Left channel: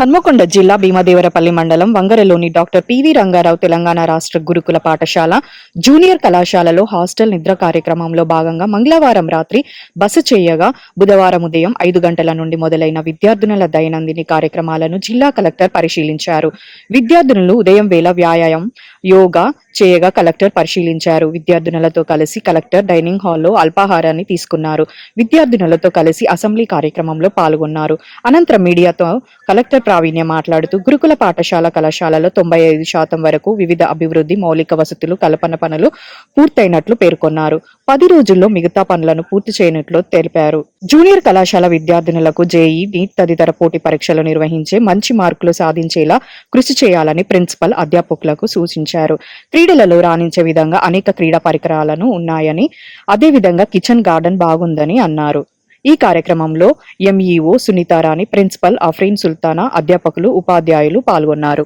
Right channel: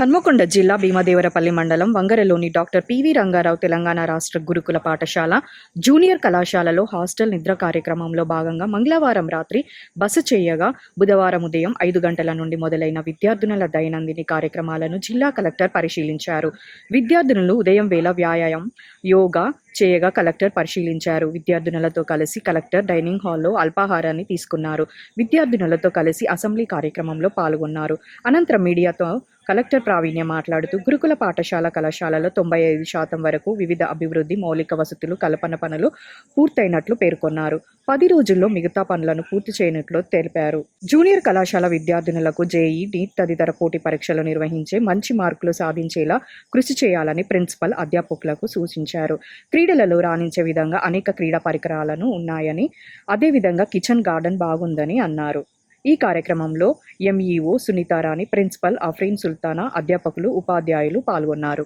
హన్మకొండ జిల్లా భీమదేవరపల్లి మండలం వంగరలోని doctor PV Rangarao Telangana రాష్ట్ర గురుకుల పాఠశాల జూనియర్ కళాశాలలో హాస్టల్ నిద్ర కార్యక్రమంలో భాగంగా మంగళవారం రాత్రి బస చేయగా బుధవారం ఉదయం 5 గంటల నుండి మొదలైన విద్యార్థినుల దైనందిన కార్యక్రమాలను జిల్లా కలెక్టర్ పరిశీలించారు. విద్యార్థినులు ఉదయం వేళ వ్యాయామం, యోగా చేయగా కలెక్టర్ పరిశీలించారు. విద్యార్థినులతో కలిసి కలెక్టర్ డైనింగ్ హాల్లో అల్పాహారాన్ని తీసుకున్నారు. విద్యార్థినులతో కలిసి అసెంబ్లీ కార్యక్రమంలో పాల్గొన్నారు. అనంతరం మీడియాతో కలెక్టర్ ప్రావీణ్య మాట్లాడుతూ గురుకుల పాఠశాల కళాశాలలో 95% వరకు వివిధ అభివృద్ధి మౌలిక వసతులు కల్పన పనులు పూర్తయినట్లు పేర్కొన్నారు. 10 రోజుల్లో మిగతా పనులను పూర్తి చేయనున్నట్లు తెలిపారు. జూనియర్ కళాశాల విద్యార్థినులకు జేఈ, నీట్ తదితర పోటీ పరీక్షలు నిర్వహించే మంచి మార్కులు సాధించేలా కృషి చేయాలని ప్రిన్సిపల్ అధ్యాపకులకు సూచించారు. క్రీడలలో రాణించే విధంగా అనేక క్రీడా పరికరాలను ఉన్నాయని, అదేవిధంగా కిచెన్ గార్డెన్ బాగుందని అన్నారు. ఈ కార్యక్రమంలో ఎంఈఓ సునీతారాణి, ప్రిన్సిపల్ అఫ్రీన్ సుల్తానా, అధ్యాపకులు, ఉపాధ్యాయులు పాల్గొన్నారు.